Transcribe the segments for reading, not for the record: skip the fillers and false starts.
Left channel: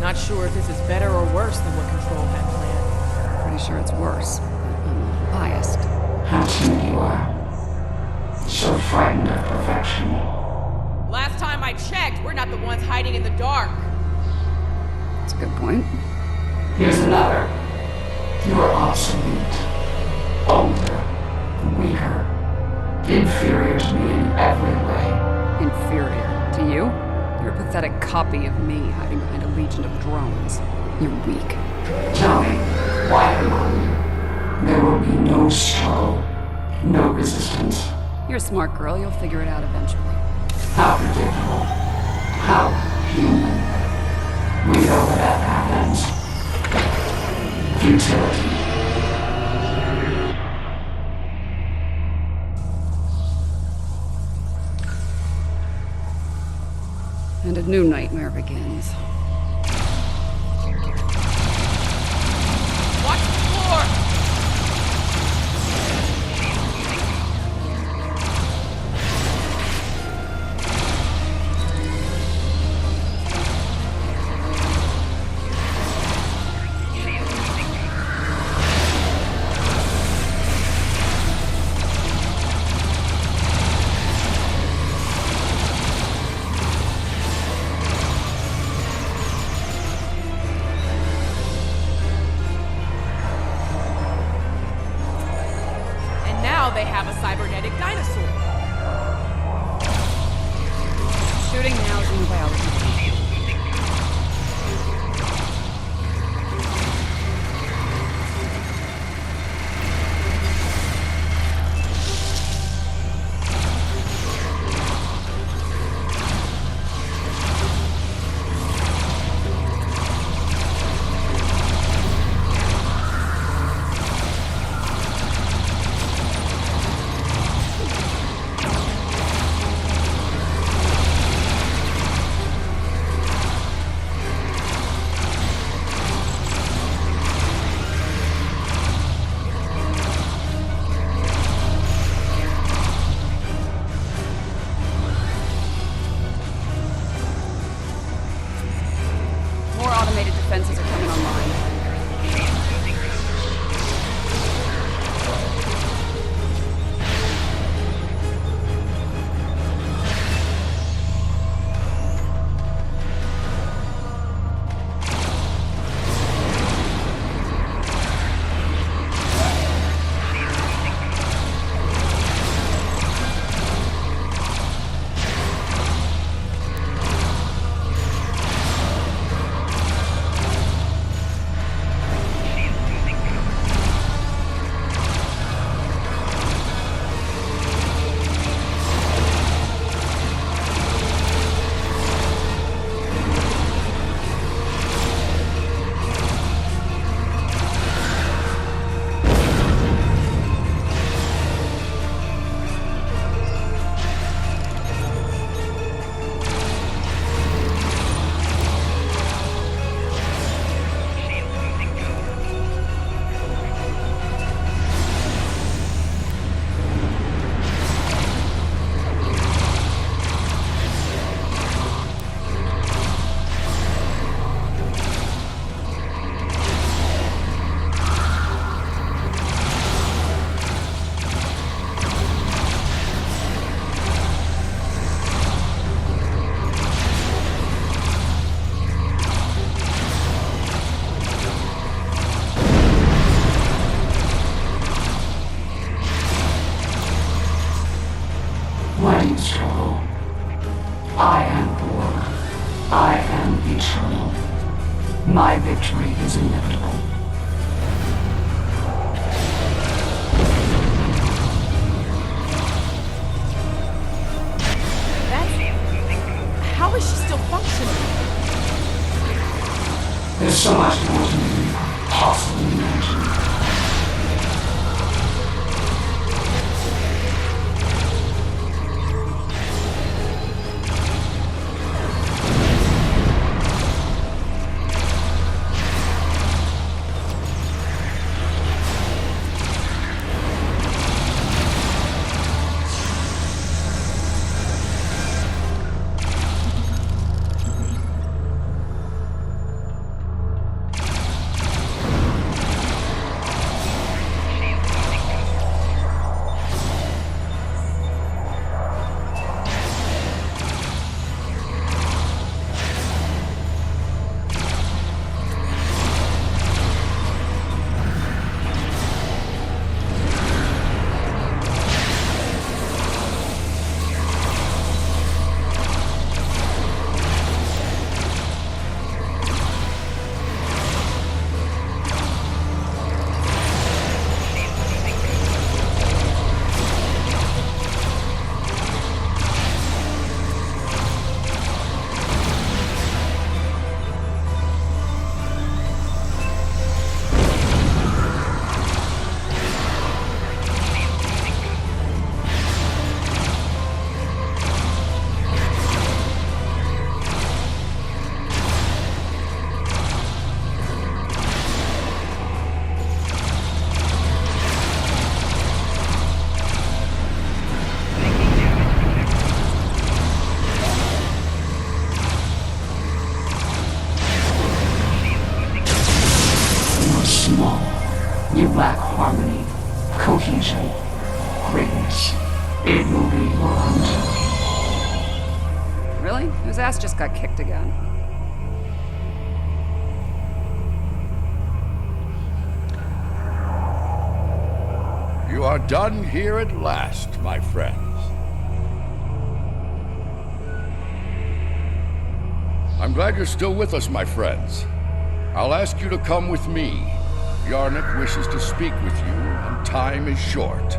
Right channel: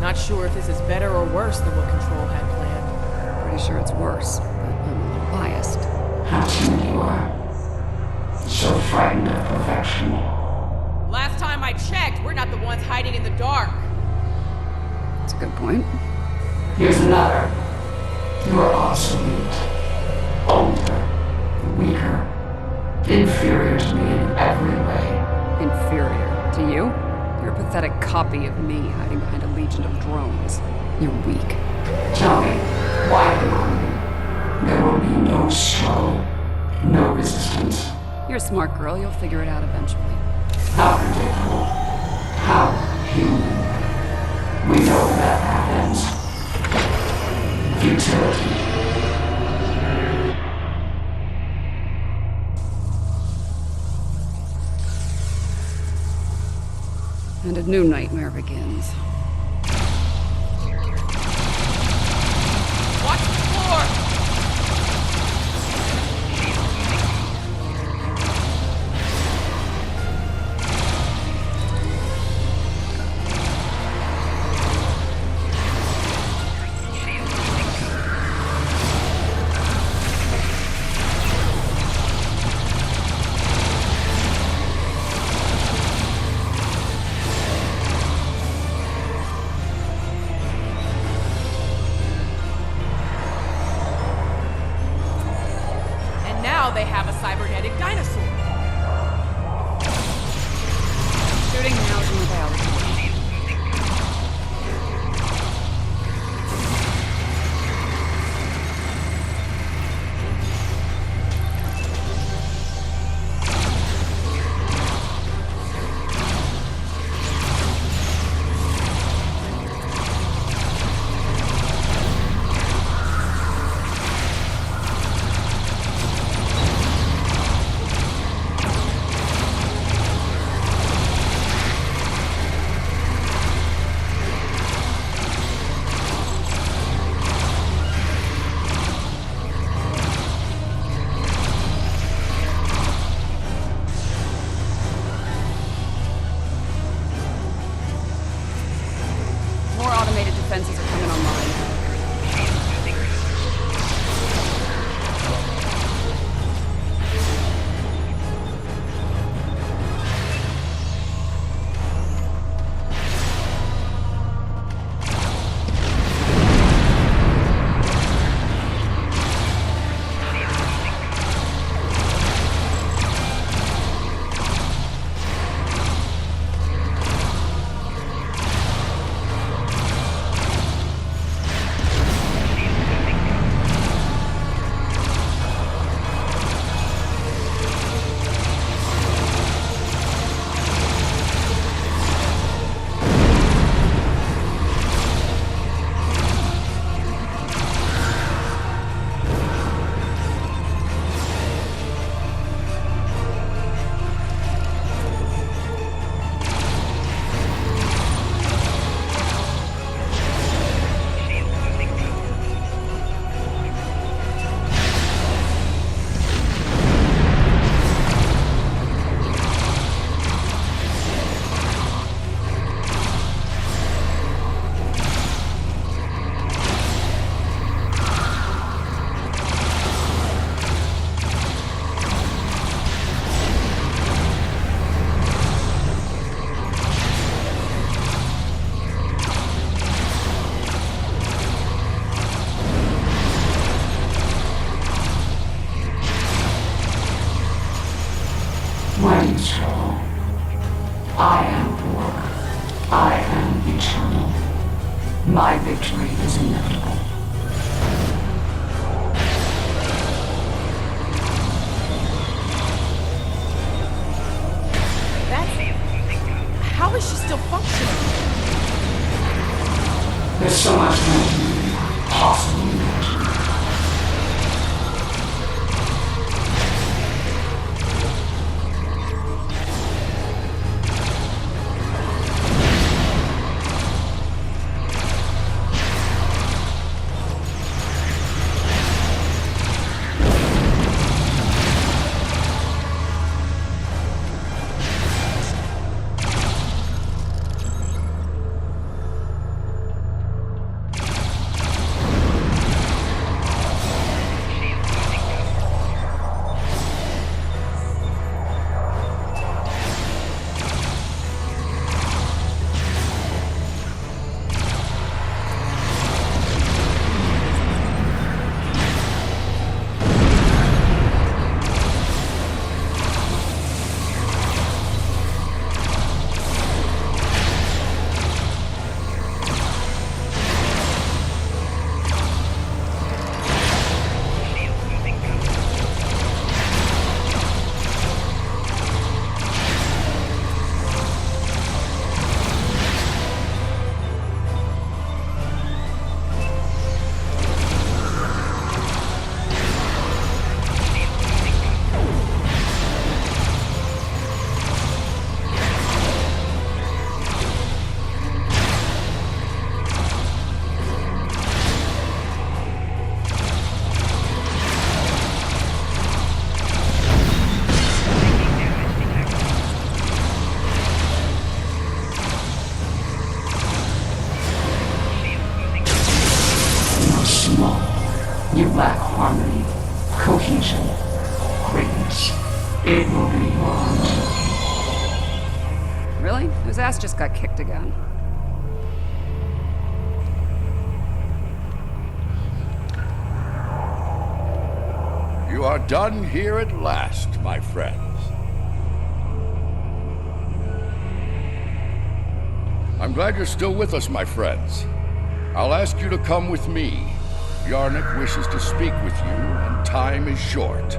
Not sure if this is better or worse than what Control had planned. Pretty sure it's worse, but I'm a little biased. How timid you are. So frightened of perfection. Last time I checked, we're not the ones hiding in the dark. That's a good point. Here's another. You are obsolete. Older. Weaker. Inferior to me in every way. Inferior to you? You're a pathetic copy of me hiding behind a legion of drones. You're weak. Tell me, why quickly? There will be no struggle. No resistance. You're a smart girl, you'll figure it out eventually. How predictable. How human. We know where that path ends. Futility. And a new nightmare begins. Watch the floor! Now they have a cybernetic dinosaur. Shooting now is in the biology. More automated defenses are coming online. Why do you struggle? I am Borg. I am eternal. My victory is inevitable. How is she still functioning? There's so much more to me, possibly imagine. lack harmony, cohesion, greatness, it will be learned. Really? Whose ass just got kicked again? You are done here at last, my friends. I'm glad you're still with us, my friends. I'll ask you to come with me. Yarnik wishes to speak with you, and time is short.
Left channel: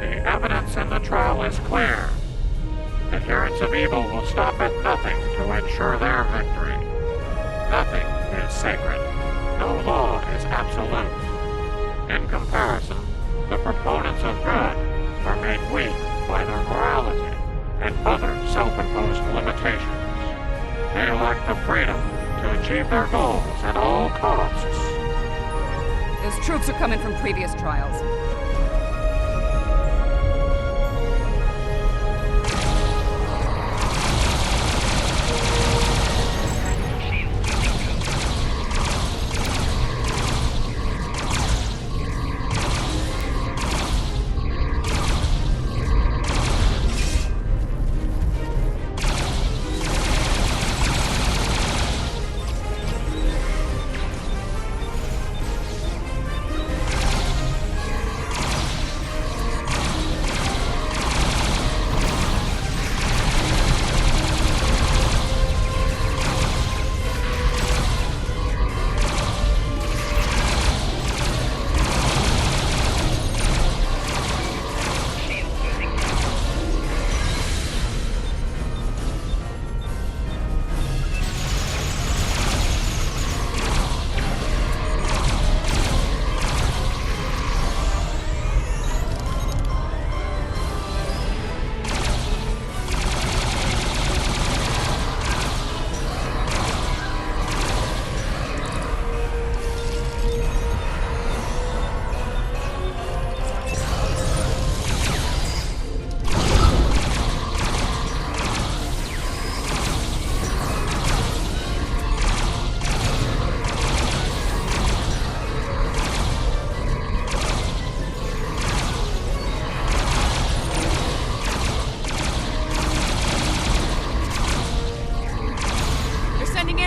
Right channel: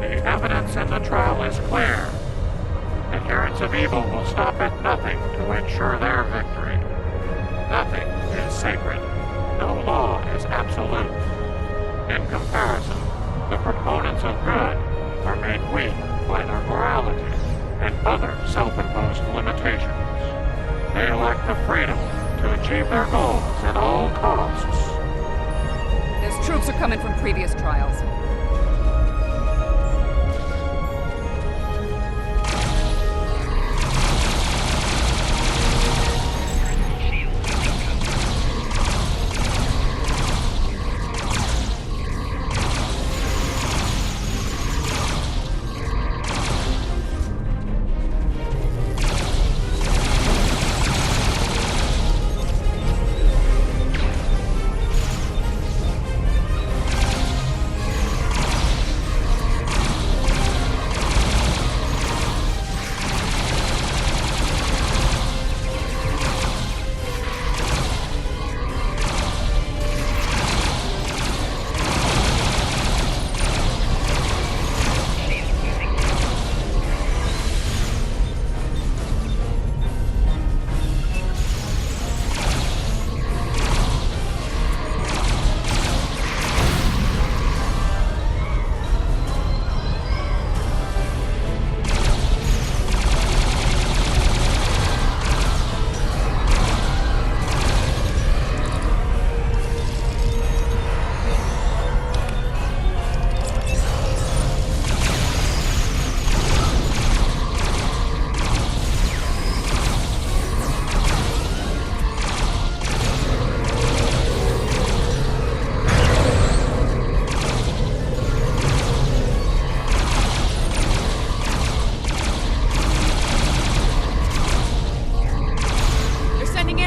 The evidence in the trial is clear. Adherents of evil will stop at nothing to ensure their victory. Nothing is sacred. No law is absolute. In comparison, the proponents of good are made weak by their morality and other self-imposed limitations. They lack the freedom to achieve their goals at all costs. Those troops are coming from previous trials.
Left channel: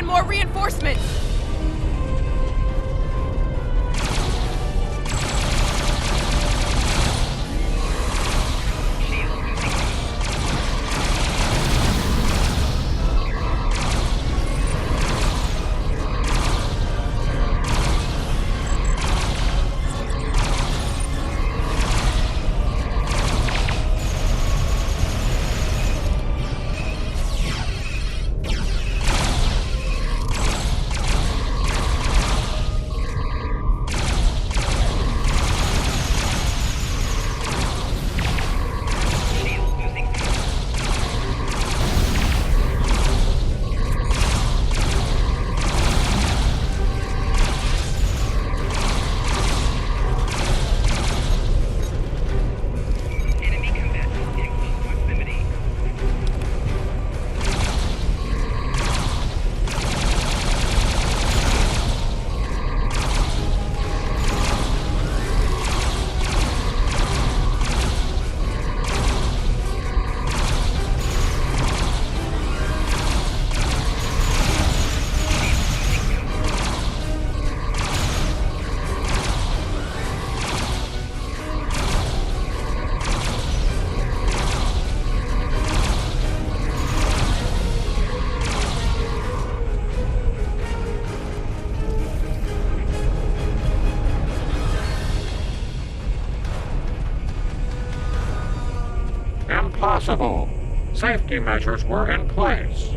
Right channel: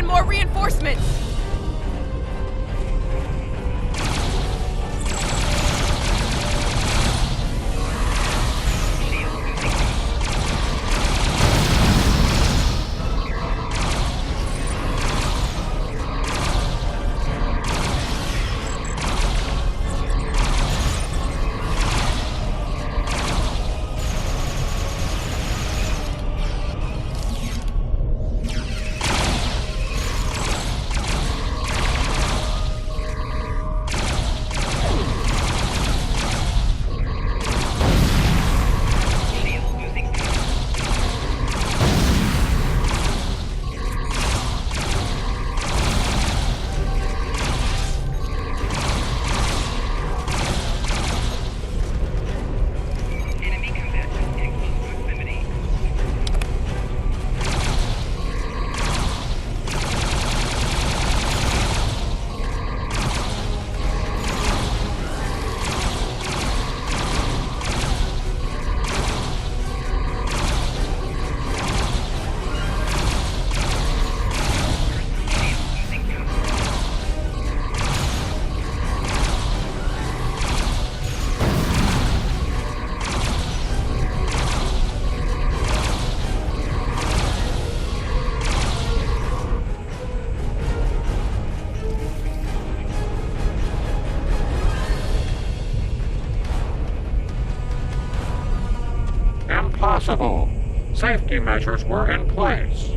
More reinforcements! Impossible. Safety measures were in place.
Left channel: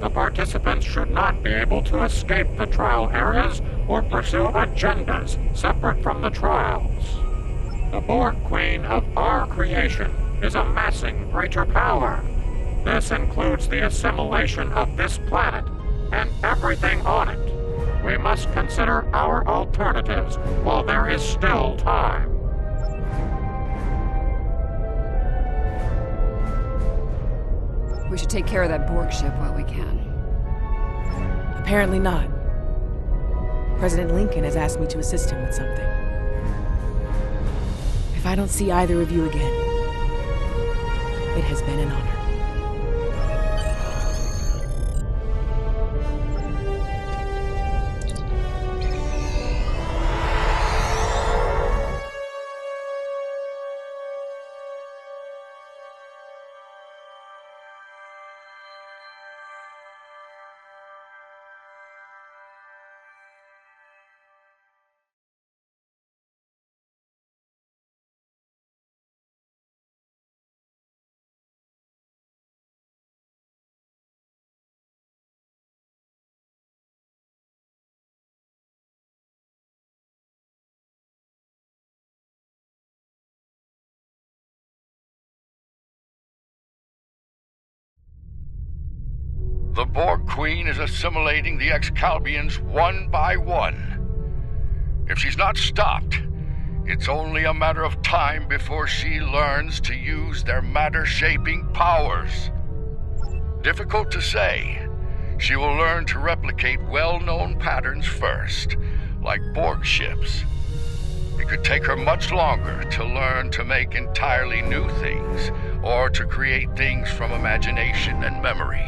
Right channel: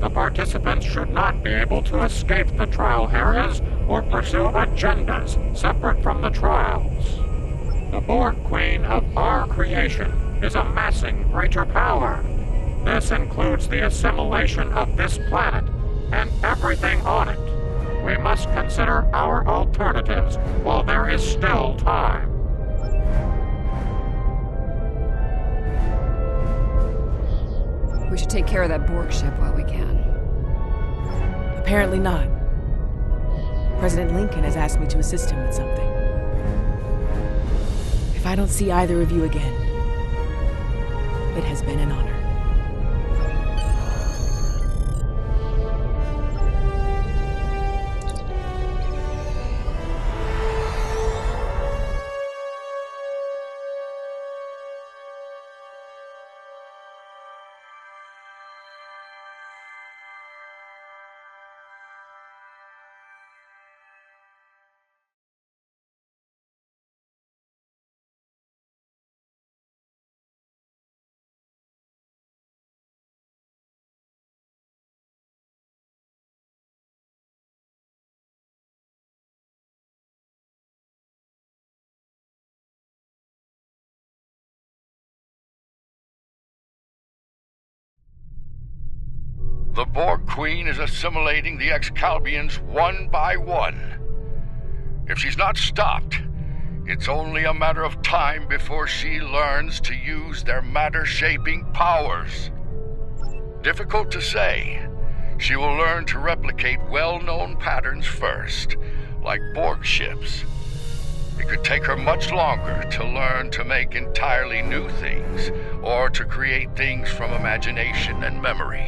The participants should not be able to escape the trial areas or pursue agendas separate from the trials. The Borg Queen of our creation is amassing greater power. This includes the assimilation of this planet and everything on it. We must consider our alternatives while there is still time. We should take care of that Borg ship while we can. Apparently not. President Lincoln has asked me to assist him with something. If I don't see either of you again, it has been an honor. The Borg Queen is assimilating the Excalbians one by one. If she's not stopped, it's only a matter of time before she learns to use their matter-shaping powers. Difficult to say. She will learn to replicate well-known patterns first, like Borg ships. It could take her much longer to learn to make entirely new things, or to create things from imagination and memory.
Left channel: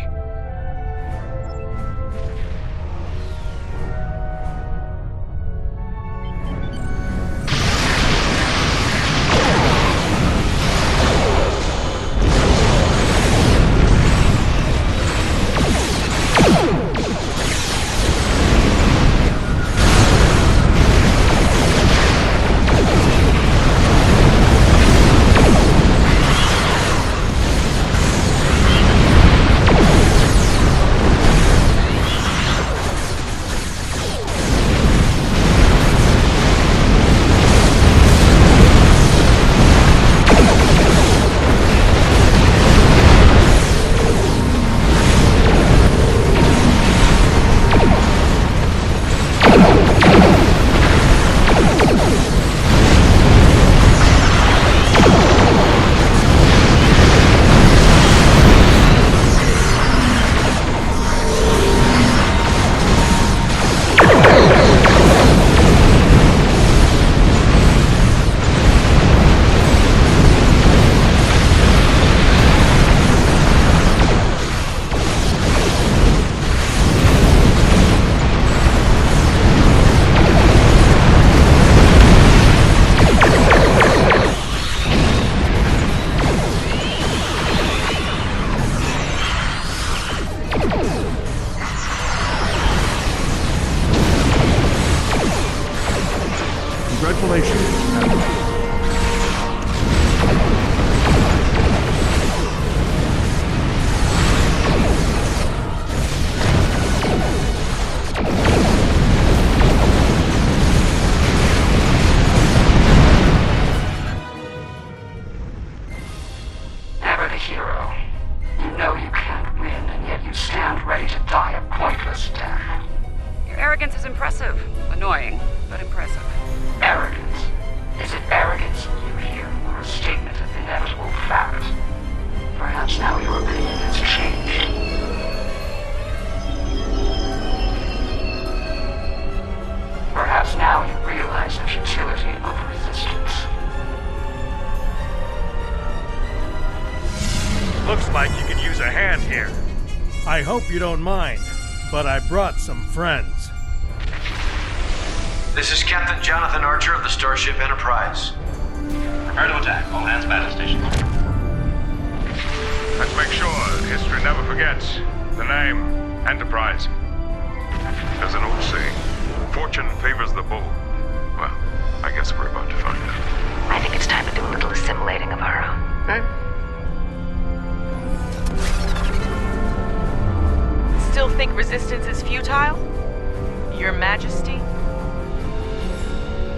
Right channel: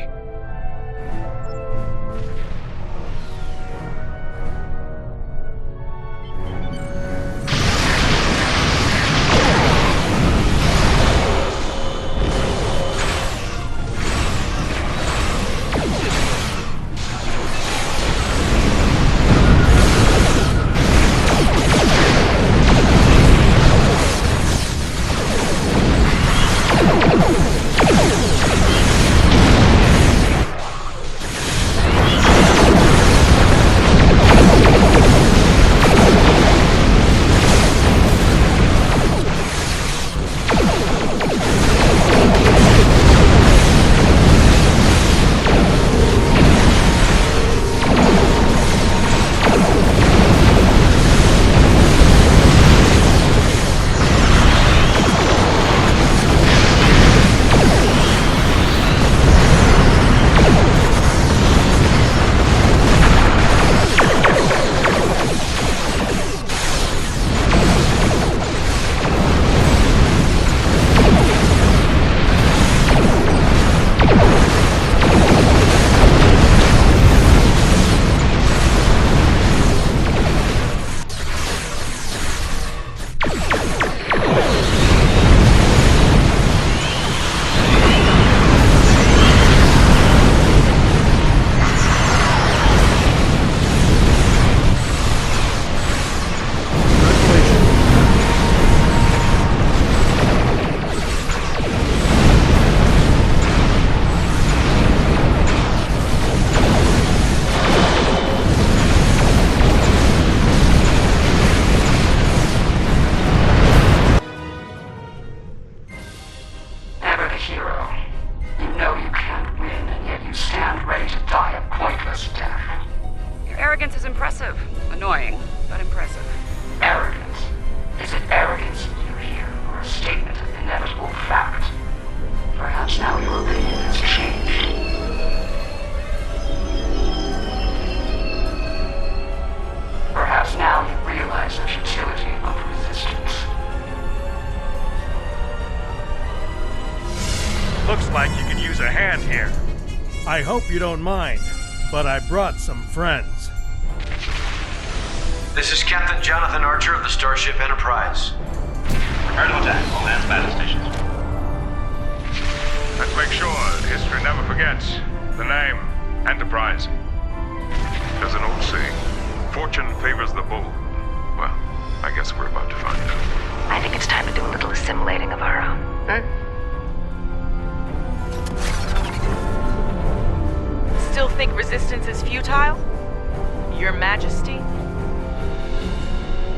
Arrogance is impressive. Annoying, but impressive. Arrogance? Is it arrogance you hear, or a statement of inevitable fact? Perhaps now your opinion has changed. Perhaps now you realize the futility of resistance. Looks like you could use a hand here. I hope you don't mind, but I brought some friends. This is Captain Jonathan Archer of the Starship Enterprise. Prepare to attack. All hands battle stations. Let's make sure that history never forgets the name Enterprise. There's an old saying, fortune favors the bold. Well, I guess we're about to find out. I think it's time to do a little assimilating of our own. Still think resistance is futile? Your Majesty?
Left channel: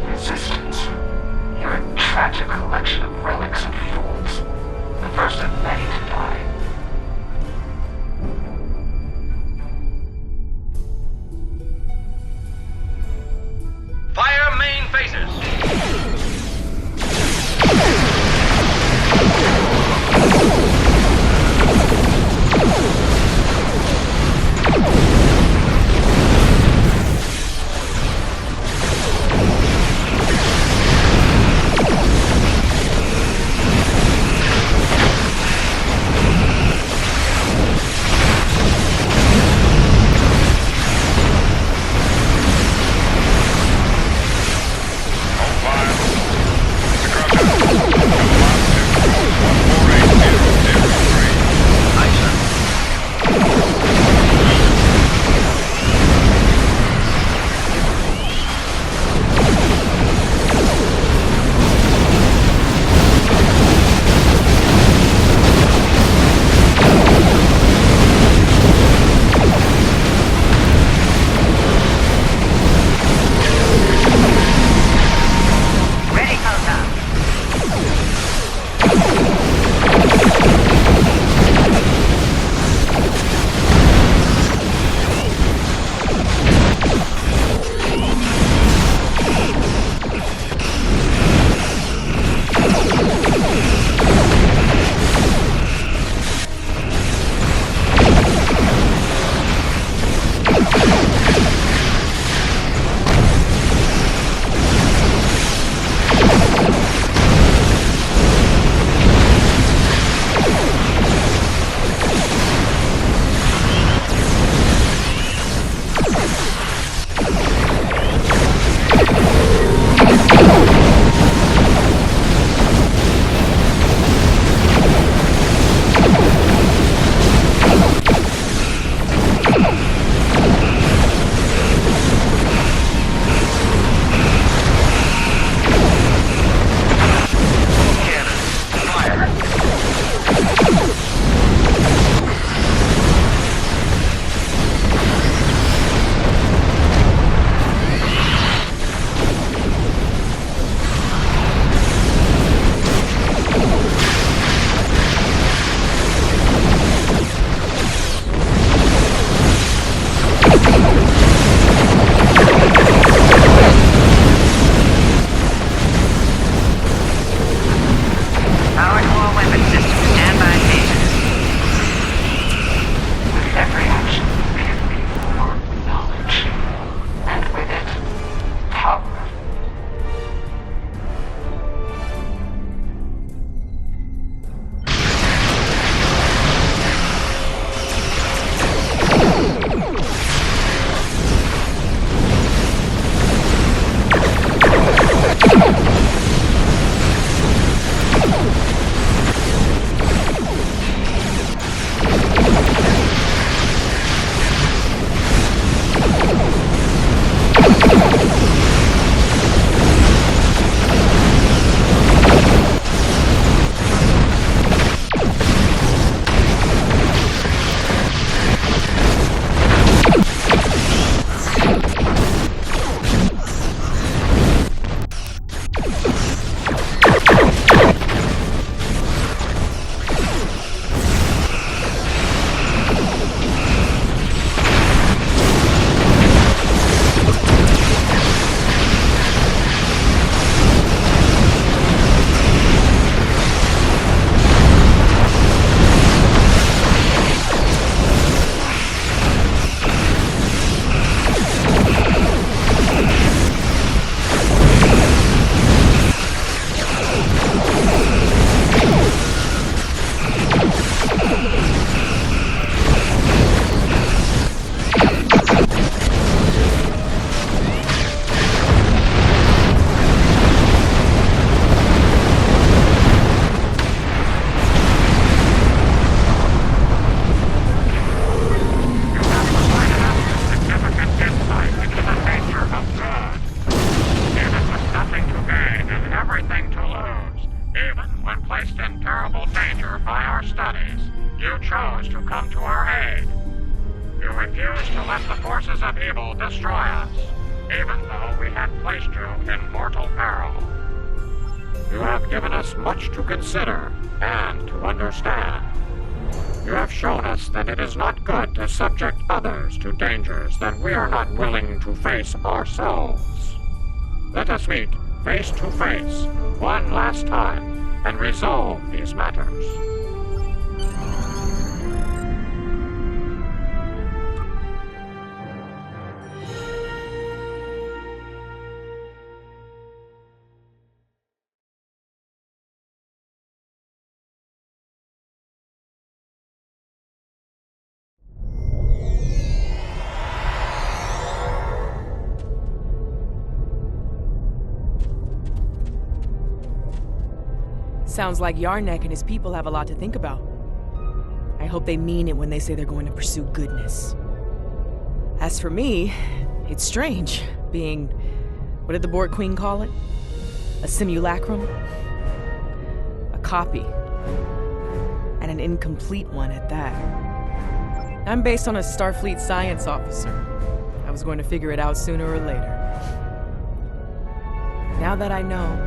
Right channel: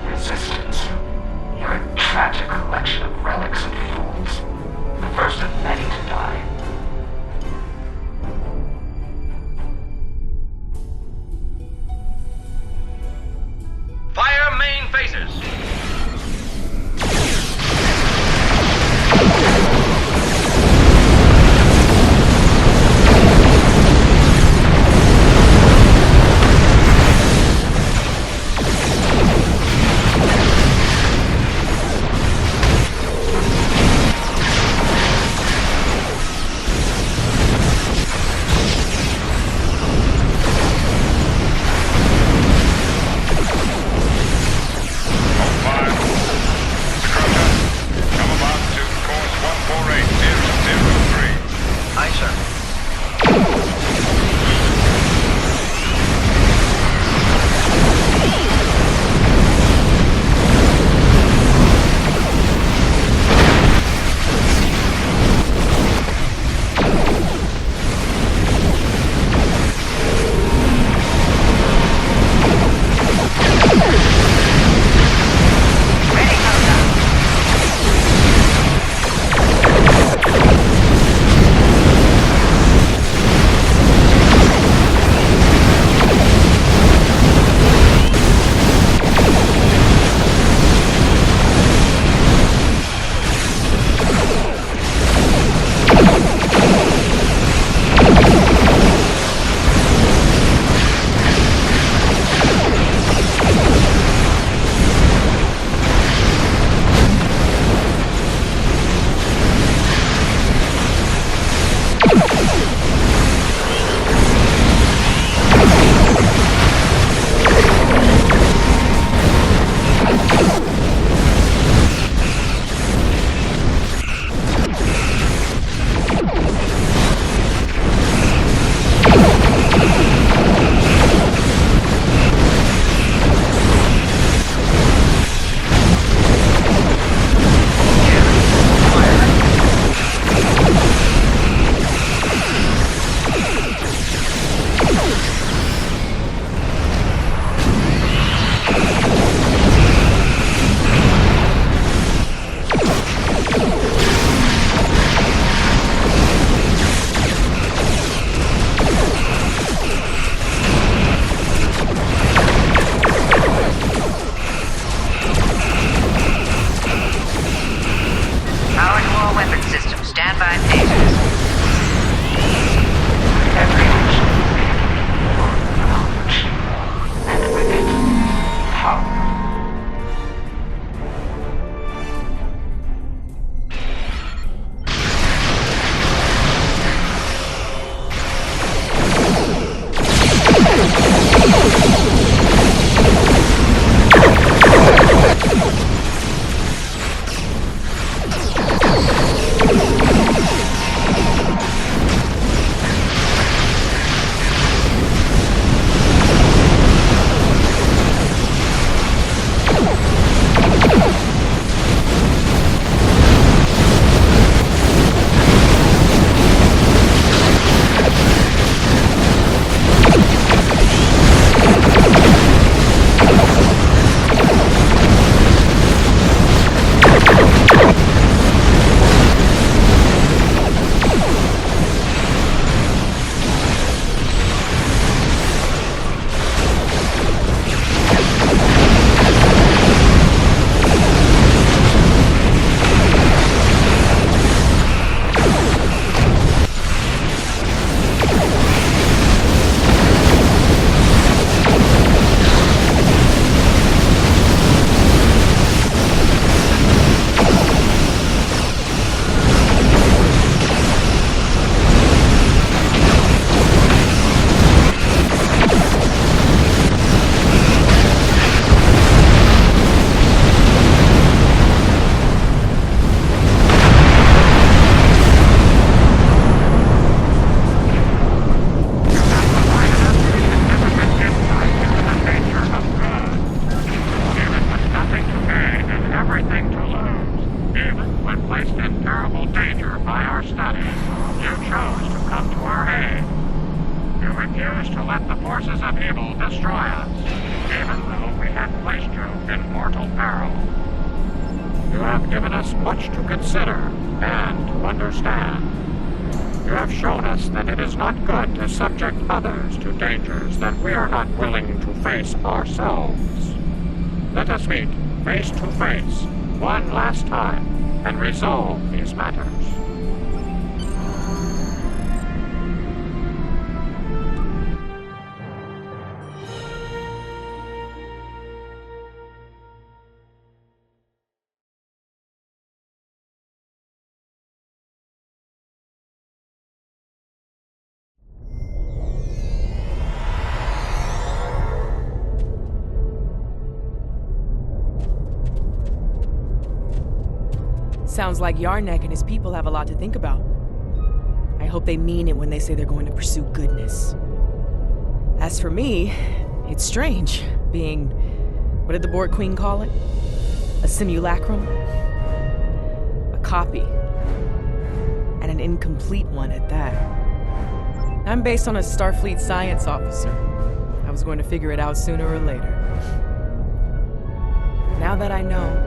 Resistance. You're a tragic collection of relics and fools. The first of many to die. refuse to let the forces of evil destroy us, even though we had placed you in mortal peril. You have given us much to consider and to understand. You have shown us that it is not good to subject others to dangers that we are not willing to face ourselves. Let us meet face to face one last time and resolve these matters. Sounds like Yarnek and his people have a lot to think about. I hope they mean it when they say they're going to pursue goodness. As for me, it's strange, being... what did the Borg Queen call it? A simulacrum? A copy. And an incomplete one at that. I'm based on a Starfleet science officer. I was going to figure it out sooner or later. Now that I know,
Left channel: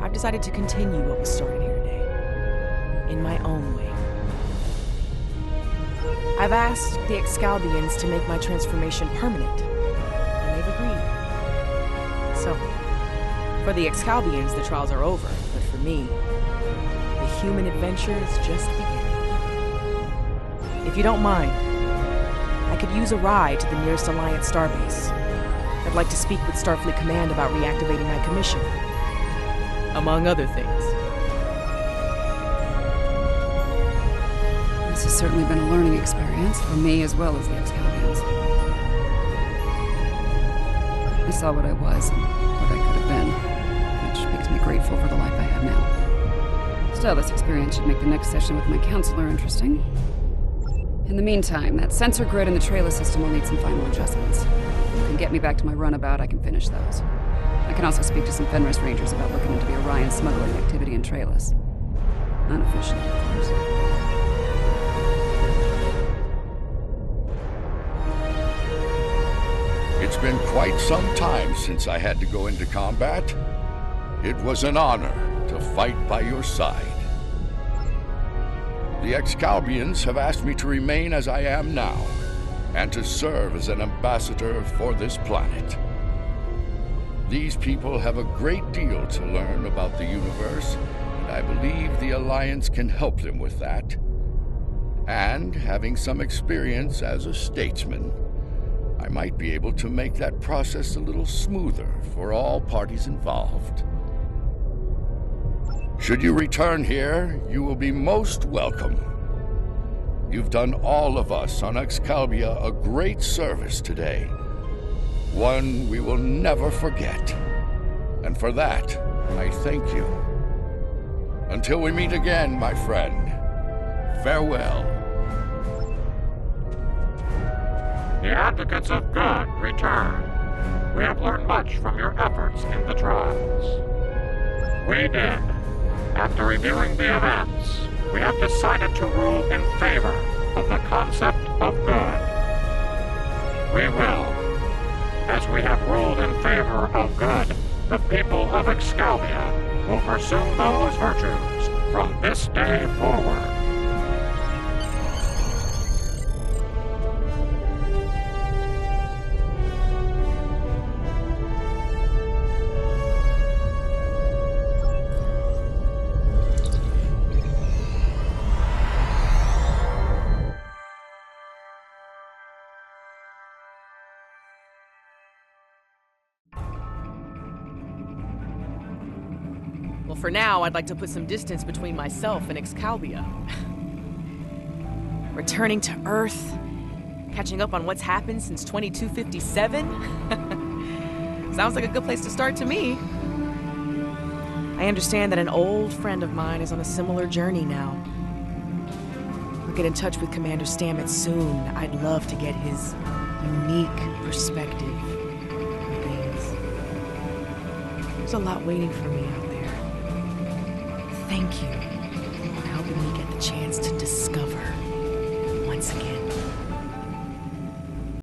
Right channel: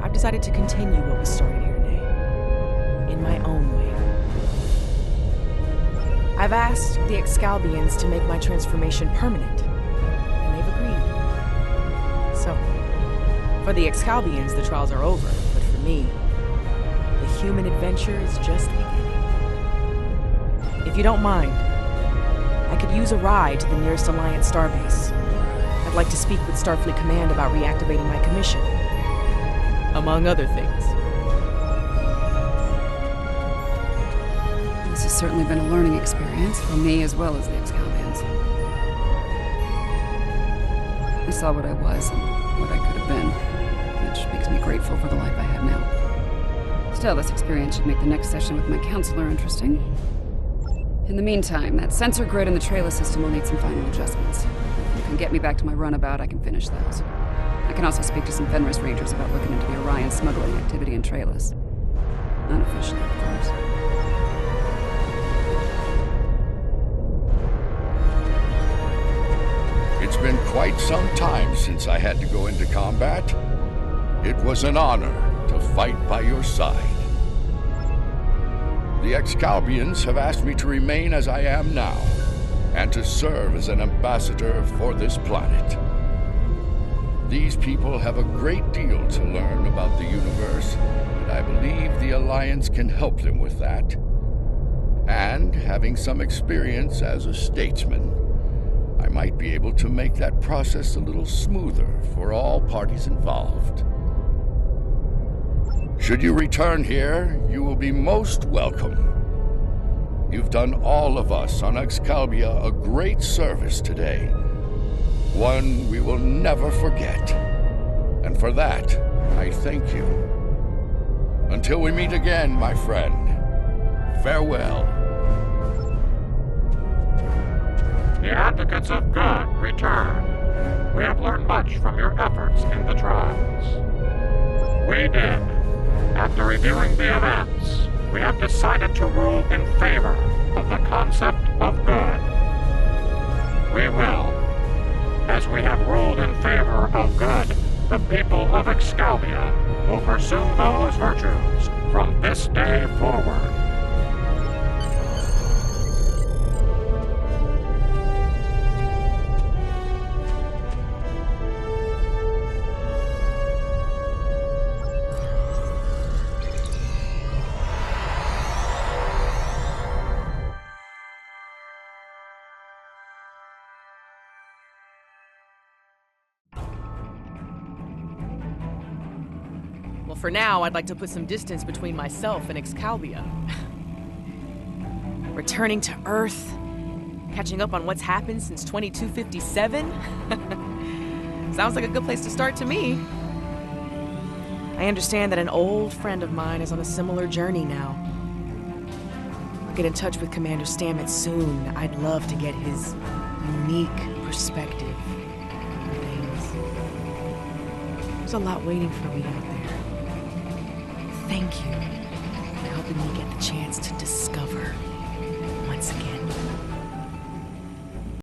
I've decided to continue what was started here today, in my own way. I've asked the Excalbians to make my transformation permanent, and they've agreed. So, for the Excalbians, the trials are over, but for me, the human adventure is just beginning. If you don't mind, I could use a ride to the nearest Alliance starbase. I'd like to speak with Starfleet Command about reactivating my commission. Among other things. This has certainly been a learning experience for me as well as the Excalbians. I saw what I was and what I could have been, which makes me grateful for the life I have now. Still, this experience should make the next session with my counselor interesting. In the meantime, that sensor grid in the trailer system will need some final adjustments. If you can get me back to my runabout, I can finish those. I can also speak to some Fenris Rangers about looking into the Orion smuggling activity in Trailus. Unofficially, of course. It's been quite some time since I had to go into combat. It was an honor to fight by your side. The Excalbians have asked me to remain as I am now, and to serve as an ambassador for this planet. These people have a great deal to learn about the universe, and I believe the Alliance can help them with that. And, having some experience as a statesman, I might be able to make that process a little smoother for all parties involved. Should you return here, you will be most welcome. You've done all of us on Excalibia a great service today. One we will never forget. And for that, I thank you. Until we meet again, my friend, farewell. The advocates of good return. We have learned much from your efforts in the trials. We did. After reviewing the events, we have decided to rule in favor of the concept of good. We will. As we have ruled in favor of good, the people of Excalibia will pursue those virtues from this day forward. Well, for now, I'd like to put some distance between myself and Excalibia. Returning to Earth, catching up on what's happened since 2257? Sounds like a good place to start to me. I understand that an old friend of mine is on a similar journey now. I'll get in touch with Commander Stamets soon. I'd love to get his unique perspective on things. There's a lot waiting for me out there. Thank you for helping me get the chance to discover once again.